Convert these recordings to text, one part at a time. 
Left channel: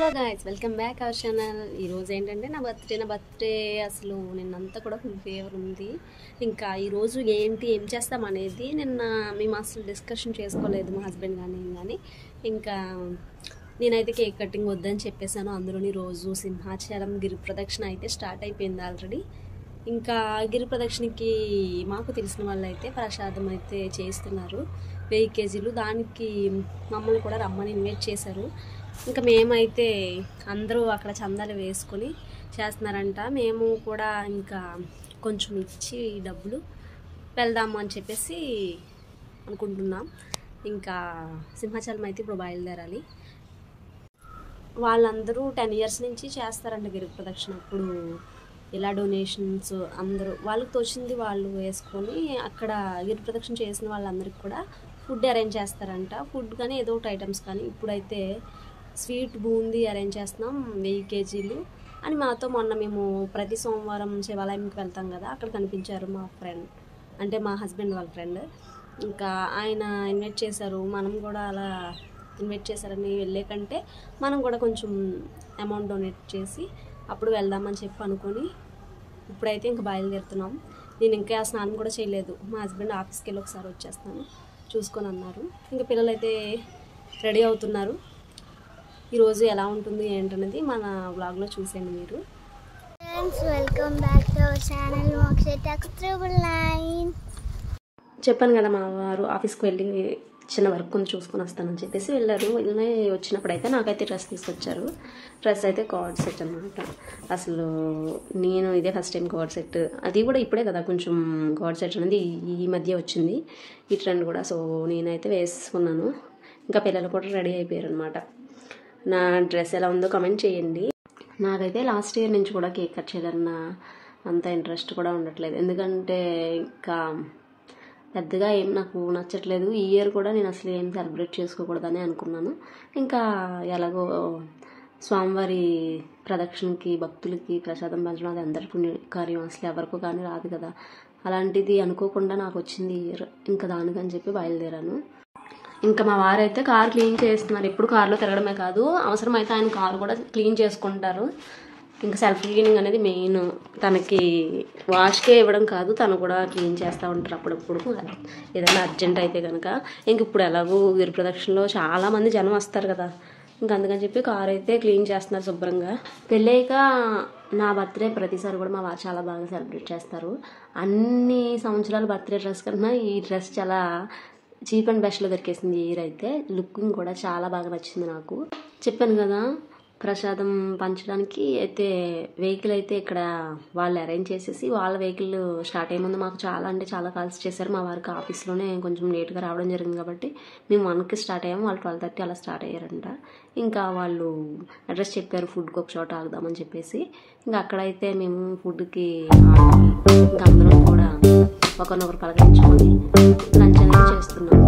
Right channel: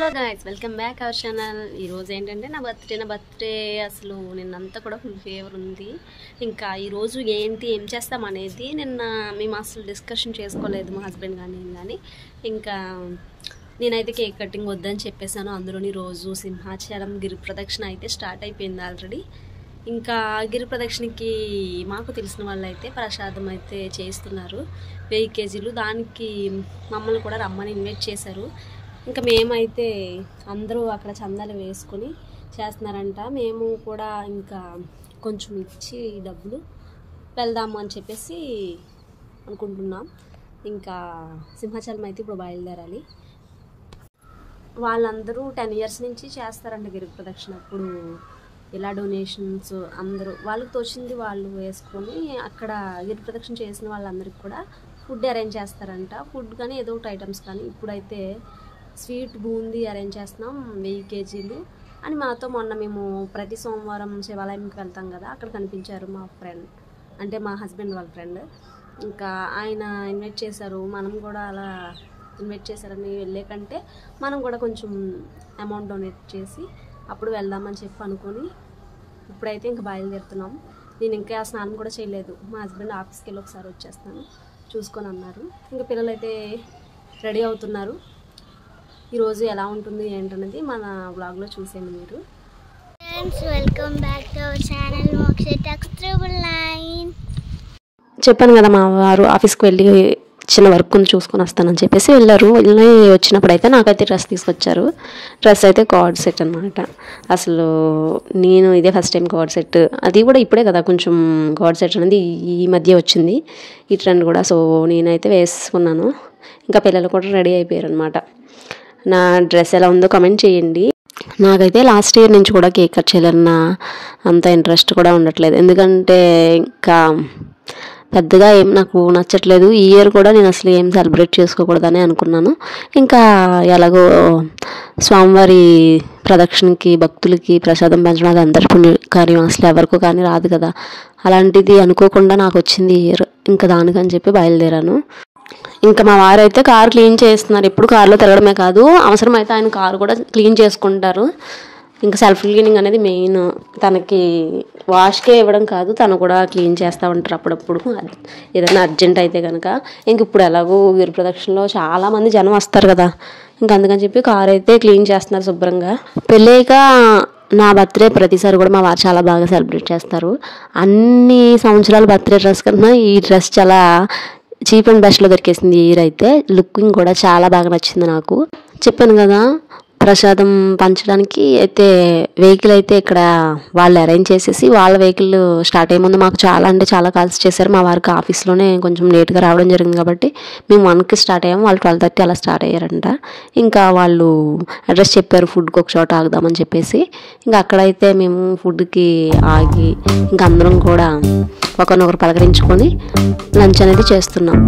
Hello guys, welcome back our channel. ఈరోజు ఏంటంటే నా బర్త్డే అసలు నిన్నంతా కూడా ఫుల్ ఫీవర్ ఉంది. ఇంకా ఈరోజు ఏం చేస్తాం అనేది నిన్న మేము అసలు డిస్కషన్ చేసుకోలేదు, మా హస్బెండ్ కానీ ఇంకా నేనైతే కేక్ కటింగ్ వద్దని చెప్పేశాను. అందులోని రోజు సింహాచలం గిరి ప్రదక్షిణ అయితే స్టార్ట్ అయిపోయింది ఆల్రెడీ. ఇంకా గిరి ప్రదక్షిణకి మాకు తెలిసిన వాళ్ళు అయితే ప్రసాదం అయితే చేస్తున్నారు 1000 కేజీలు. దానికి మమ్మల్ని కూడా రమ్మని ఇన్వైట్ చేశారు. ఇంకా మేమైతే అందరూ అక్కడ చందాలు వేసుకొని చేస్తున్నారంట. మేము కూడా ఇంకా కొంచెం ఇచ్చి డబ్బులు వెళ్దాము అని చెప్పేసి అనుకుంటున్నాం. ఇంకా సింహాచలం అయితే ఇప్పుడు బయలుదేరాలి. వాళ్ళందరూ 10 years నుంచి చేస్తారంట గిరి ప్రదక్షిణ. అప్పుడు ఇలా డొనేషన్స్ అందరూ వాళ్ళకి తోచింది వాళ్ళు వేసుకొని అక్కడ గిరి ప్రదక్షిణ చేసిన వాళ్ళందరికీ కూడా ఫుడ్ అరేంజ్ చేస్తారంట. ఫుడ్ కానీ ఏదో ఒకటి ఐటమ్స్ కానీ. ఇప్పుడైతే స్వీట్ బూందీ అరేంజ్ చేస్తున్నాం 1000 కేజీలు అని. మాతో మొన్న మేము ప్రతి సోమవారం శివాలయంకి వెళ్తాం కదా, అక్కడ కనిపించారు మా ఫ్రెండ్, అంటే మా హస్బెండ్ వాళ్ళ ఫ్రెండ్. ఇంకా ఆయన ఇన్వైట్ చేశారు. మనం కూడా అలా ఇన్వైట్ చేశారని వెళ్ళే కంటే మనం కూడా కొంచెం అమౌంట్ డొనేట్ చేసి అప్పుడు వెళ్దామని చెప్పి అనుకొని ఇప్పుడైతే ఇంకా బయలుదేరుతున్నాం. నేను ఇంకా స్నానం కూడా చేయలేదు. మా హస్బెండ్ ఆఫీస్కి వెళ్ళి ఒకసారి వచ్చేస్తాను చూసుకొని అన్నారు. ఇంకా పిల్లలు అయితే రెడీ అవుతున్నారు. ఈరోజు ఎలా ఉంటుంది ఏంటన్నది మన వ్లాగ్లో చూసేయండి మీరు. Friends, welcome back to our channel Moksha9. చెప్పాను కదా, మా వారు ఆఫీస్కి వెళ్ళి చిన్న వర్క్ ఉంది చూసుకొని వస్తానని చెప్పేసి వెళ్ళారు. వెళ్ళి వచ్చినప్పుడు అయితే నాకైతే డ్రెస్ తీసుకొచ్చారు. డ్రెస్ అయితే కార్డ్ సెట్ అనమాట. అసలు నేను ఇదే ఫస్ట్ టైం కార్డ్ సెట్, అది కూడా ఇప్పుడే కదా కొంచెం కార్డ్ సెట్ అనేది ఈ మధ్య వచ్చింది ఈ ట్రెండ్ కూడా. సో నేనైతే వేసుకున్నాను. ఇంకా పిల్లలు కూడా రెడీ అయిపోయారు అనమాట. నా డ్రెస్ ఎలా ఉందో కమెంట్ చేయండి. నాకైతే లాస్ట్ ఇయర్ నుంచి కూడా కేక్ కట్ చేయాలన్న అంత ఇంట్రెస్ట్ కూడా ఉండట్లేదు, ఎందుకంటే ఇంకా పెద్దగా ఏం నాకు నచ్చట్లేదు. ఈ ఇయర్ కూడా నేను అసలు ఏం సెలబ్రేట్ చేసుకోకూడదని అనుకున్నాను. ఇంకా ఎలాగో స్వామివారి ప్రదక్షిణకి భక్తులకి ప్రసాదం పెంచడం అది అందరి పుణ్యకార్యం, అసలు ఎవరికో కానీ రాదు కదా. అలాంటిది అనుకోకుండా నాకు వచ్చింది ఈ ఇయర్. ఇంకా దానికని చెప్పి బయలుదేరాను. ఇంకా మా వారైతే కారు క్లీన్ చేస్తున్నారు. ఎప్పుడు కారులో తిరగడమే కాదు, అవసరమైతే ఆయన కారు కూడా క్లీన్ చేసుకుంటారు. ఇంకా సెల్ఫ్ క్లీనింగ్ అనేది మెయిన్. తనకి వాష్కే ఇవ్వడం కాదు, తను కూడా క్లీన్ చేస్తూ ఉంటారు అప్పుడప్పుడు ఏదైనా అర్జెంట్ అయితే కనుక. ఇంక ఇప్పుడు ఎలాగో గిరి ప్రదక్షిణలో చాలామంది జనం వస్తారు కదా, ఇంకా అందుకని చెప్పి కారు అయితే క్లీన్ చేస్తున్నారు శుభ్రంగా. పెళ్ళాక నా బర్త్డే ప్రతిసారి కూడా మా వారు చాలా బాగా సెలబ్రేట్ చేస్తారు. అన్ని సంవత్సరాల బర్త్డే డ్రెస్ కన్నా ఈ డ్రెస్ చాలా చీప్ అండ్ బెస్ట్లో దొరికేసింది. ఈ ఇయర్ అయితే లుకింగ్ కూడా చాలా బాగా నచ్చింది నాకు. చెప్పాను కదా, ప్రసాదం పంచడానికి అయితే వెహికల్ అయితే ఇక్కడ వాళ్ళు అరేంజ్ చేసేసి వాళ్ళ వెహికల్ స్టార్ట్ అయ్యే ముందు మాకు చాలా అంటే చాలా కాల్స్ చేశారు. మా వారికి ఆఫీస్లోనే కొంచెం లేట్గా రావడం జరిగింది కాబట్టి మేము 1కి స్టార్ట్ అయ్యాము, వాళ్ళు 12:30 అలా స్టార్ట్ అయ్యారంట. ఇంకా వాళ్ళు అడ్రస్ చెప్పారు ఫుడ్కి ఒక చోట ఆగుదామని చెప్పేసి. ఇంకా అక్కడైతే మేము ఫుడ్కి ఆగి ఇంకా అందరం కూడా ఒకరినొకరు పలకరించుకొని లంచ్ అనేది చేస్తున్నాం.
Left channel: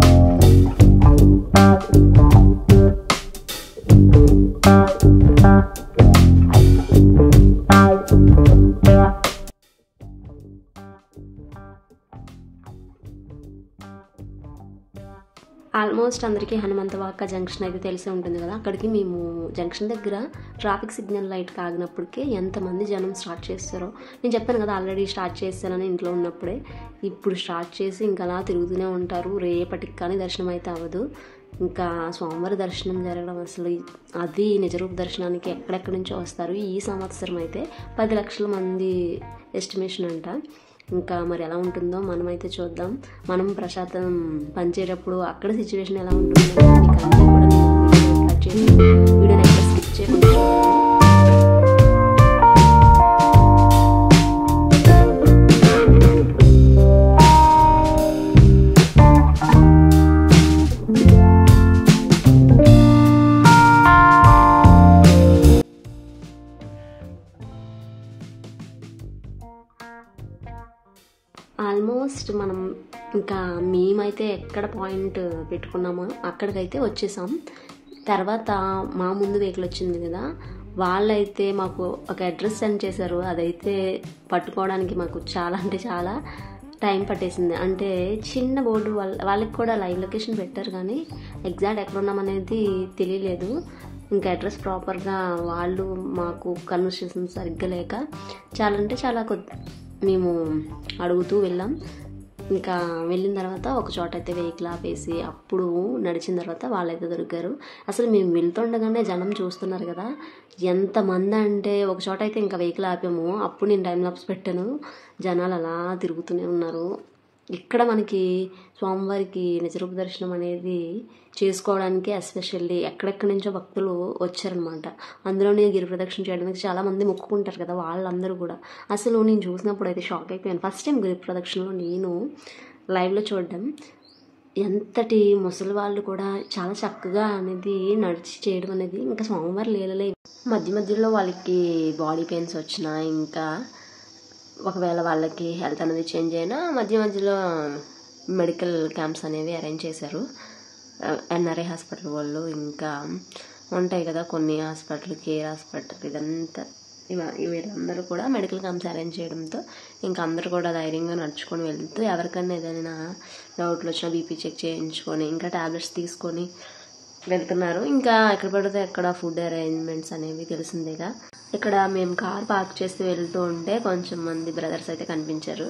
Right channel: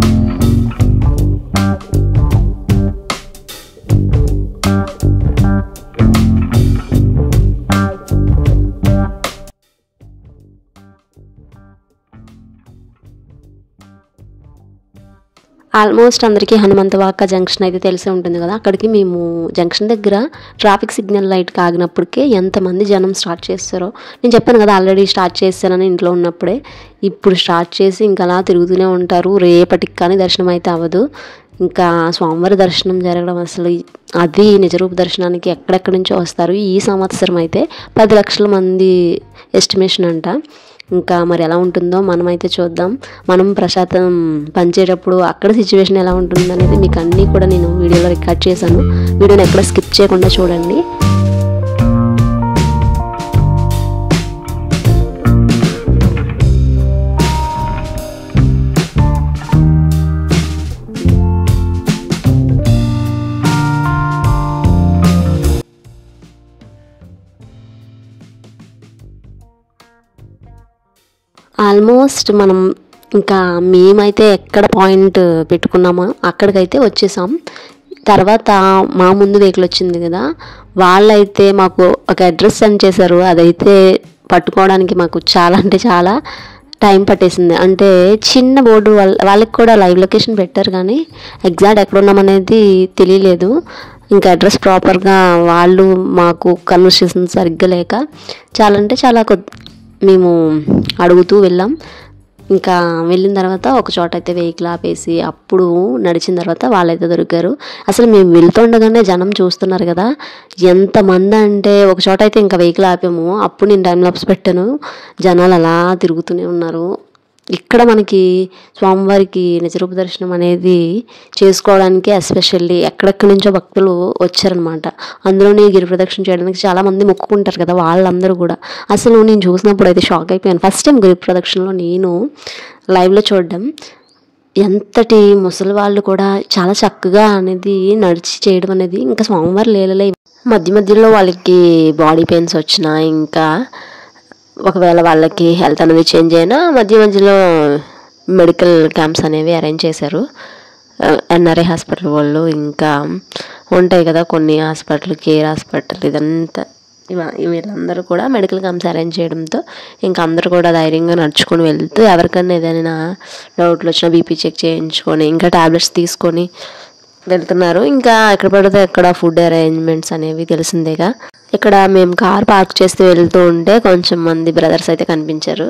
ఆల్మోస్ట్ అందరికీ హనుమంతవాక జంక్షన్ అయితే తెలిసే ఉంటుంది కదా. అక్కడికి మేము జంక్షన్ దగ్గర ట్రాఫిక్ సిగ్నల్ లైట్కి ఆగినప్పటికే ఎంతమంది జనం స్టార్ట్ చేస్తారో. నేను చెప్పాను కదా ఆల్రెడీ స్టార్ట్ చేస్తానని ఇంట్లో ఉన్నప్పుడే. ఇప్పుడు స్టార్ట్ చేసి ఇంకా అలా తిరుగుతూనే ఉంటారు. రేపటికి కానీ దర్శనం అయితే అవ్వదు. ఇంకా స్వామివారి దర్శనం జరగడం అసలు అది నిజరూప దర్శనానికి ఎక్కడెక్కడి నుంచో వస్తారు. ఈ సంవత్సరం అయితే 10 లక్షల మంది ఎస్టిమేషన్ అంట. ఇంకా మరి ఎలా ఉంటుందో మనమైతే చూద్దాం. మనం ప్రసాదం పంచేటప్పుడు అక్కడ సిచ్యువేషన్ ఎలా ఉంటుందనేది మీకు అన్నీ కూడా నేను వీడియోలో రికార్డ్ చేశాను. వీడియోని ఎక్కడ స్కిప్ చేయకుండా చూడండి. ఆల్మోస్ట్ మనం ఇంకా మేమైతే ఎక్కడ పాయింట్ పెట్టుకున్నామో అక్కడికైతే వచ్చేసాం. తర్వాత మా ముందు వెహికల్ వచ్చింది కదా, వాళ్ళైతే మాకు ఒక అడ్రస్ సెండ్ చేశారు. అదైతే పట్టుకోవడానికి మాకు చాలా అంటే చాలా టైం పట్టేసింది. అంటే చిన్న బోర్డు వాళ్ళకి కూడా లైవ్ లొకేషన్ పెట్టారు కానీ ఎగ్జాక్ట్ ఎక్కడ ఉన్నామనేది తెలియలేదు. ఇంకా అడ్రస్ ప్రాపర్గా వాళ్ళు మాకు కన్వర్సేషన్ సరిగ్గా లేక చాలా అంటే చాలా మేము అడుగుతూ వెళ్ళాం. ఇంకా వెళ్ళిన తర్వాత ఒక చోట అయితే వెహికల్ ఆపేసి అప్పుడు నడిచిన తర్వాత వాళ్ళైతే దొరికారు. అసలు మేము వెళ్తుండగానే జనం చూస్తున్నారు కదా ఎంతమంది అంటే, ఒక చోట అయితే ఇంకా వెహికల్ ఆపాము, అప్పుడు నేను టైం లాప్స్ పెట్టాను. జనాలు అలా తిరుగుతూనే ఉన్నారు. ఇక్కడ మనకి స్వామివారికి నిజరూప దర్శనం అనేది చేసుకోవడానికి ఎస్పెషల్లీ ఎక్కడెక్కడి నుంచో భక్తులు వచ్చారనమాట. అందులోనే గిరి ప్రదక్షిణ చేయడానికి చాలామంది మొక్కుకుంటారు కదా, వాళ్ళందరూ కూడా. అసలు నేను చూసినప్పుడు అయితే షాక్ అయిపోయాను. ఫస్ట్ టైం గిరి ప్రదక్షిణలో నేను లైవ్లో చూడడం. ఎంతటి ముసలి వాళ్ళు కూడా చాలా చక్కగా అనేది నడిచి చేయడం అనేది ఇంకా స్వామివారి లీలలే. మధ్య మధ్యలో వాళ్ళకి బాడీ పెయిన్స్ వచ్చినా, ఇంకా ఒకవేళ వాళ్ళకి హెల్త్ అనేది చేంజ్ అయినా మధ్య మధ్యలో మెడికల్ క్యాంప్స్ అనేవి అరేంజ్ చేశారు ఎన్ఆర్ఐ హాస్పిటల్ వాళ్ళు. ఇంకా ఉంటాయి కదా కొన్ని హాస్పిటల్, కేర్ హాస్పిటల్, ఇదంతా వీళ్ళందరూ కూడా మెడికల్ క్యాంప్స్ అరేంజ్ చేయడంతో ఇంకా అందరూ కూడా ధైర్యంగా నడుచుకొని వెళ్తూ ఎవరికైనా ఏదైనా డౌట్లు వచ్చినా బీపీ చెక్ చేయించుకొని ఇంకా టాబ్లెట్స్ తీసుకొని వెళ్తున్నారు. ఇంకా ఎక్కడ పడితే అక్కడ ఫుడ్ అరేంజ్మెంట్స్ అనేవి తెలిసిందేగా. ఇక్కడ మేము కార్ పార్క్ చేస్తూ వెళ్తూ ఉంటే కొంచెం మంది బ్రదర్స్ అయితే కనిపించారు.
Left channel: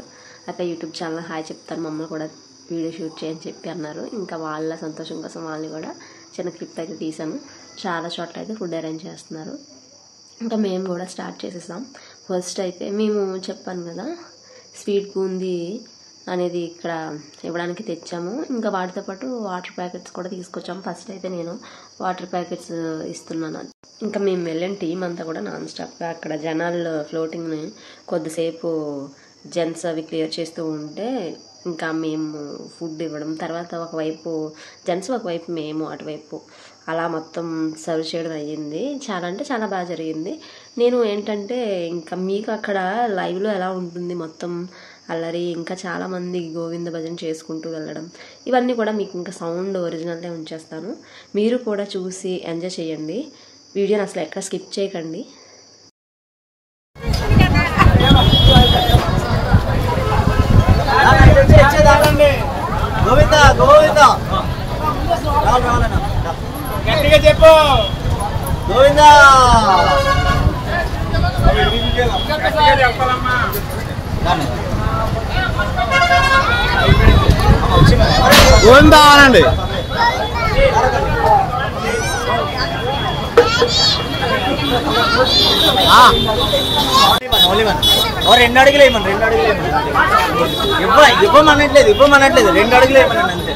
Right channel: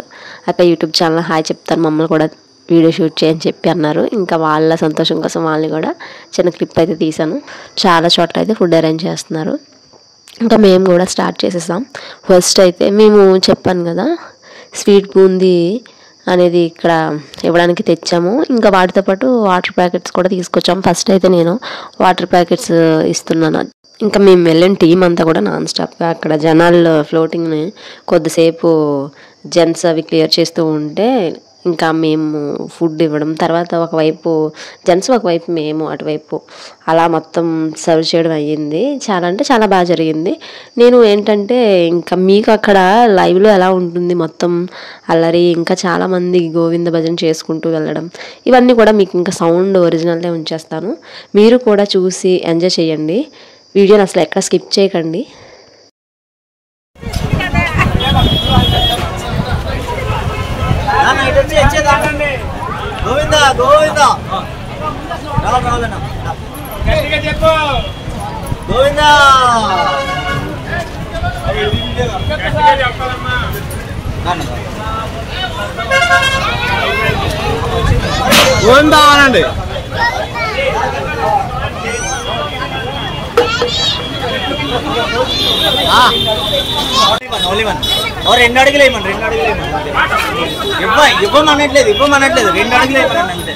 అక్కడ యూట్యూబ్ ఛానల్ హాయ్ చెప్తారు, మమ్మల్ని కూడా వీడియో షూట్ చేయని చెప్పి అన్నారు. ఇంకా వాళ్ళ సంతోషం కోసం వాళ్ళని కూడా చిన్న క్లిప్ అయితే తీసాను. చాలా చోట్ల అయితే ఫుడ్ అరేంజ్ చేస్తున్నారు. ఇంకా మేము కూడా స్టార్ట్ చేసేసాం. ఫస్ట్ అయితే మేము చెప్పాను కదా స్వీట్ బూందీ అనేది ఇక్కడ ఇవ్వడానికి తెచ్చాము. ఇంకా వాటితో పాటు వాటర్ ప్యాకెట్స్ కూడా తీసుకొచ్చాము. ఫస్ట్ అయితే నేను వాటర్ ప్యాకెట్స్ ఇస్తున్నాను. ఇంకా మేము వెళ్ళిన టీం అంతా కూడా నాన్ స్టాప్గా అక్కడ జనాల్లో ఫ్లోటింగ్ని కొద్దిసేపు జెంట్స్ అవి క్లియర్ చేస్తూ ఉంటే ఇంకా మేము ఫుడ్ ఇవ్వడం, తర్వాత ఒకవైపు జెంట్స్ ఒకవైపు మేము అటువైపు అలా మొత్తం సర్వ్ చేయడం అయ్యింది. చాలా అంటే చాలా బాగా జరిగింది. నేను ఏంటంటే ఇంకా మీకు అక్కడ లైవ్లో ఎలా ఉంటుంది మొత్తం అల్లరి, ఇంకా చాలామంది గోవింద భజన చేసుకుంటూ వెళ్ళడం, ఇవన్నీ కూడా మీకు ఇంకా సౌండ్ ఒరిజినల్నే ఉంచేస్తాను. మీరు కూడా చూసి ఎంజాయ్ చేయండి. వీడియోని అసలు ఎక్కడ స్కిప్ చేయకండి. గోవింద గోవింద గట్టిగా చెప్పు గోవింద గట్టిగా చెప్పాలమ్మా. గోవింద అనండి. రెండు అడుగులు వేయమని, రెండు అడుగులు వేయమని, ఇవ్వమనట్లేదు, ఇవ్వమనట్లేదు, రెండు అడుగులు వేయమనండి అంతే.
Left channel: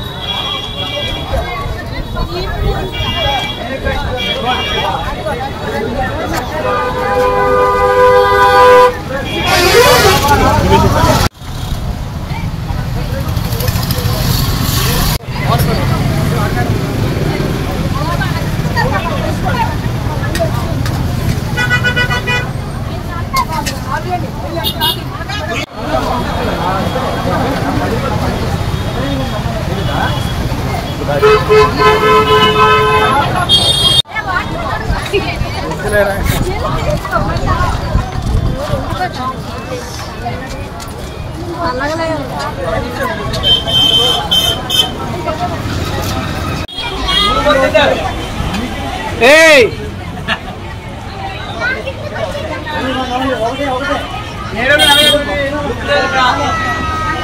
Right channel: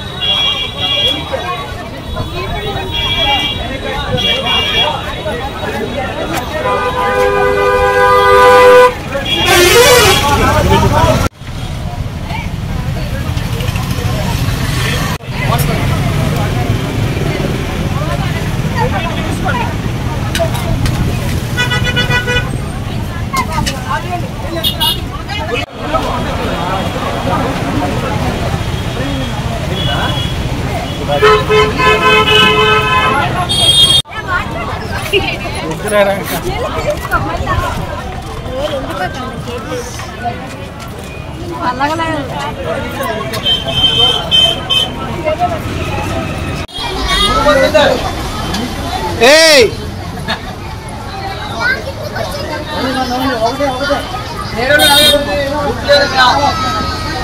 Hey!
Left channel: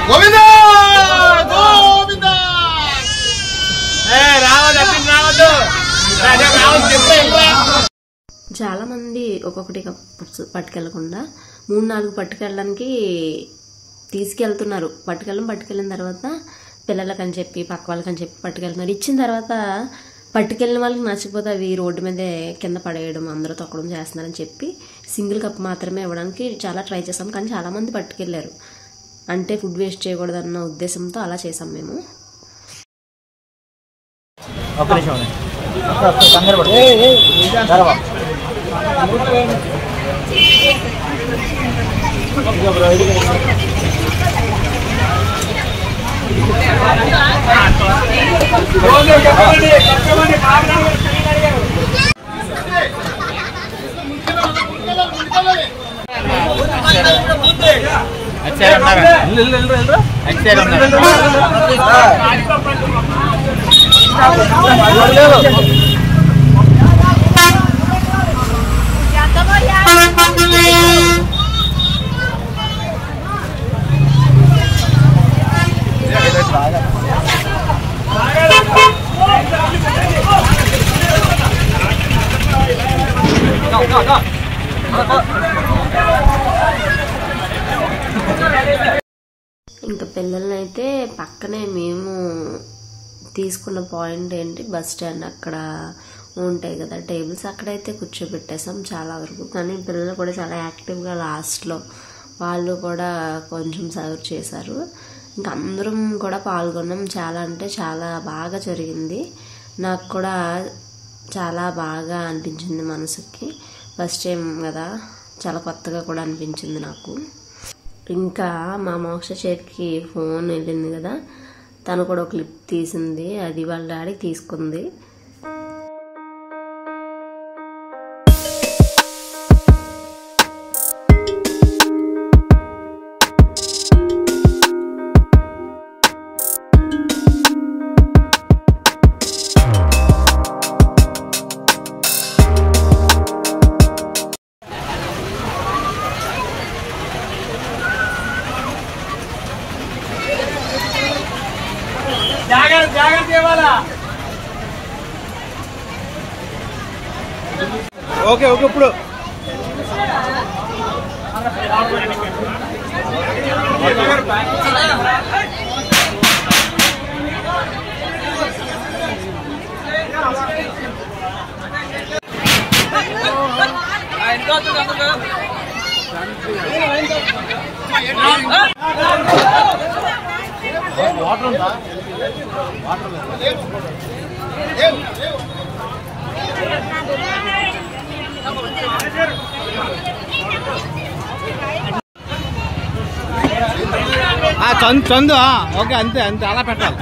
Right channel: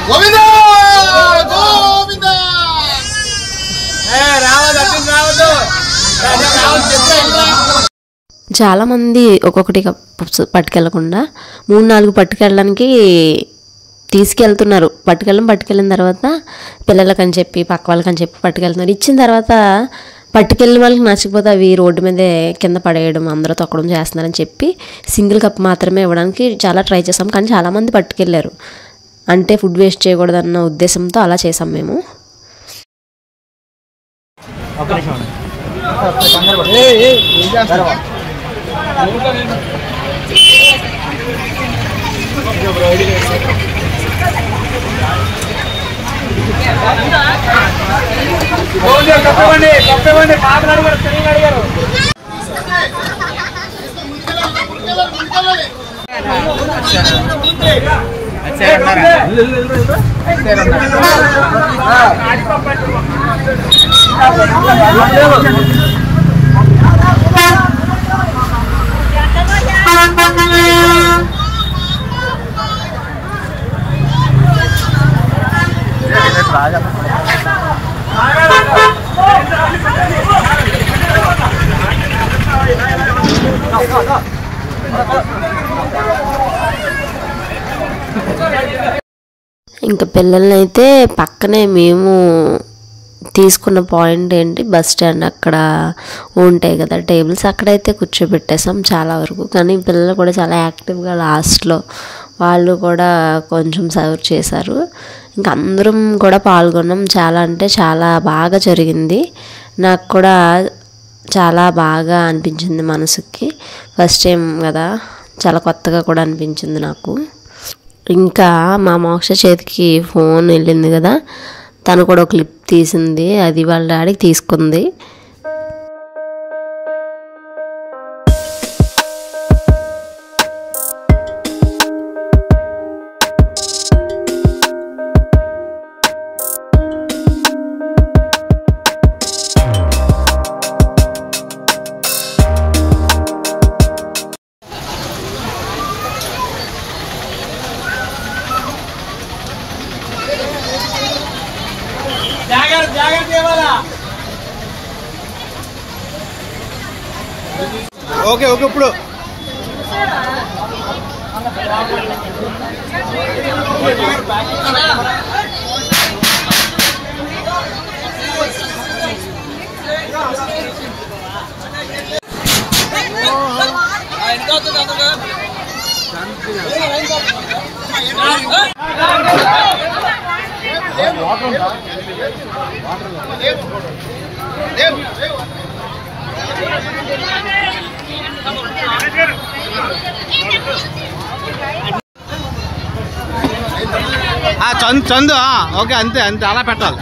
Govinda! Govinda! Hey, రావద్దు. చాలామంది ఒక్కొక్కటి పట్టుకెళ్ళకుండా 3-4 పట్టుకెళ్ళడానికి తీసుకెళ్తున్నారు. పట్టుకెళ్ళిన తర్వాత పిల్లలకని చెప్పి పక్క వాళ్ళకని చెప్పి పట్టుకెళ్తున్నారు. ఇచ్చిన తర్వాత పట్టుకెళ్ళిన వాళ్ళకి నచ్చకపోతే అవి రోడ్డు మీదే కింద పడేయడం, అందరూ తొక్కడం చేస్తున్నారని చెప్పి సింగిల్ కప్ మాత్రమే ఇవ్వడానికి చాలా ట్రై చేసాం. కానీ చాలామంది పట్టుకెళ్ళారు. అంటే ఫుడ్ వేస్ట్ చేయకూడదన్న ఉద్దేశంతో అలా చేసాం మేము. ఇంకా పిల్లల్ని అయితే పక్కనే మేము తీసుకున్న పాయింట్ ఏంటి, బస్ స్టాండ్ అక్కడ ఉంటాయి కదా టేబుల్స్, అక్కడైతే కూర్చోబెట్టేసాం చాలా వరకు. కానీ పిల్లలు కూడా చాలా యాక్టివ్గా లాస్ట్లో వాళ్ళు కూడా కొంచెం సర్వ్ చేశారు. ఇంకా అందరం కూడా పాల్గొన్నాం. చాలా అంటే చాలా బాగా జరిగింది. నాకు కూడా చాలా బాగా అనిపించింది మనసుకి. ఫస్ట్ టైం కదా, చాలా కొత్తగా కూడా అనిపించింది నాకు. ఇంకా మా మోక్ష చేతికి ఫోన్ వెళ్ళింది కదా, తను కూడా ఒక క్లిప్ తీసింది, అది వాళ్ళ డాడీకి తీసుకుంది. ఓకే ఓకే ఇప్పుడు వాటర్ ఉందా? వాటర్ చందు ఓకే, అంతే అంతే, అలా పెట్టాలి.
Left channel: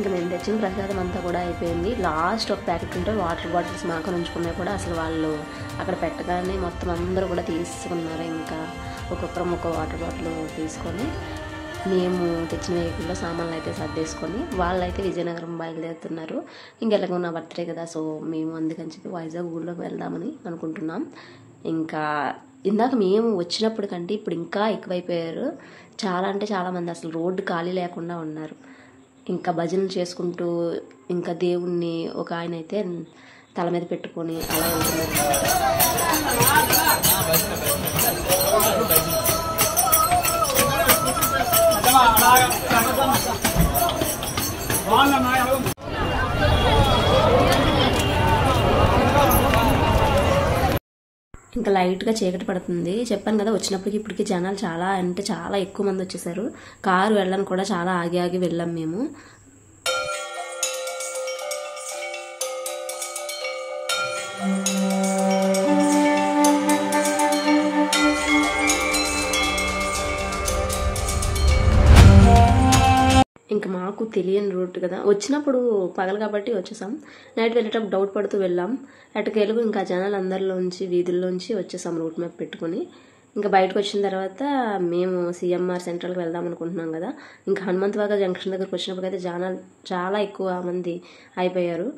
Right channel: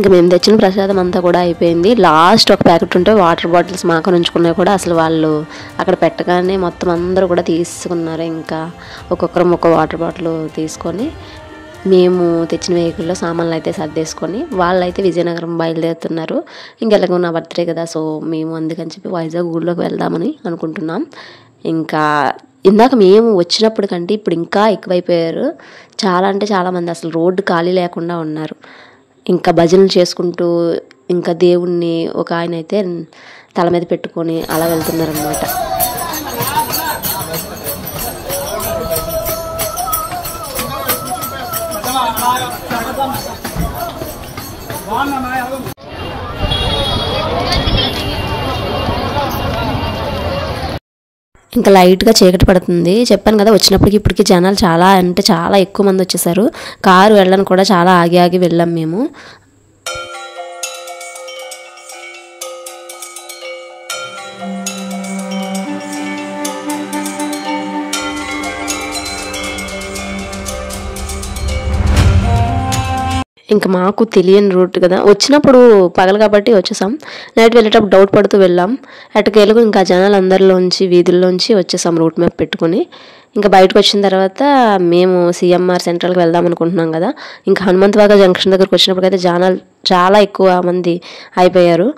ఇంకా మేము తెచ్చిన ప్రసాదం అంతా కూడా అయిపోయింది. లాస్ట్ ఒక ప్యాకెట్ ఉంటే వాటర్ బాటిల్స్ మాకు ఉంచుకున్నాయి కూడా అసలు వాళ్ళు అక్కడ పెట్టగానే మొత్తం అందరూ కూడా తీసుకున్నారు. ఇంకా ఒక్కొక్కరం ఒక వాటర్ బాటిల్ తీసుకొని మేము తెచ్చిన వెహికల్లో సామాన్లు అయితే సర్దేసుకొని వాళ్ళైతే విజయనగరం బయలుదేరుతున్నారు. ఇంకెలాగో నా బర్త్డే కదా, సో మేము అందుకని చెప్పి వైజాగ్ ఊళ్ళోకి వెళ్దామని అనుకుంటున్నాం. ఇంకా ఇందాక మేము వచ్చినప్పుడు కంటే ఇప్పుడు ఇంకా ఎక్కువైపోయారు. చాలా అంటే చాలామంది అసలు రోడ్డు ఖాళీ లేకుండా ఉన్నారు. ఇంకా భజనలు చేసుకుంటూ ఇంకా దేవుణ్ణి ఒక ఆయన అయితే తల మీద పెట్టుకొని అలా వెళ్తున్నారు అన్నమాట. ఇంకా లైట్గా చీకటి పడుతుంది. చెప్పాను కదా వచ్చినప్పటికి ఇప్పటికి జనాలు చాలా అంటే చాలా ఎక్కువ మంది వచ్చేసారు. కారు వెళ్ళని కూడా చాలా ఆగి ఆగి వెళ్ళాం మేము. ఇంకా మాకు తెలియని రూట్ కదా, వచ్చినప్పుడు పగలు కాబట్టి వచ్చేసాం. నైట్ వెళ్ళేటప్పుడు డౌట్ పడుతూ వెళ్ళాం. అటుకెళ్ళకు ఇంకా జనాలు అందరిలోంచి వీధుల్లోంచి వచ్చేసాం రూట్ మ్యాప్ పెట్టుకొని. ఇంకా బయటకు వచ్చిన తర్వాత మేము సిఎంఆర్ సెంట్రల్కి వెళ్దాం అనుకుంటున్నాం కదా. ఇంకా హనుమంతవాగ జంక్షన్ దగ్గరకు వచ్చినప్పటికైతే జనాలు చాలా ఎక్కువ మంది అయిపోయారు.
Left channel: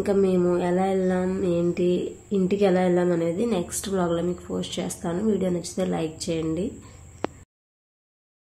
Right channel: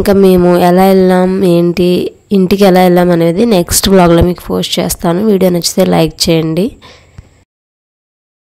ఇంకా మేము ఎలా వెళ్ళాం ఏంటి ఇంటికి ఎలా వెళ్ళాం అనేది నెక్స్ట్ వ్లాగ్లో మీకు పోస్ట్ చేస్తాను. వీడియో నచ్చితే లైక్ చేయండి.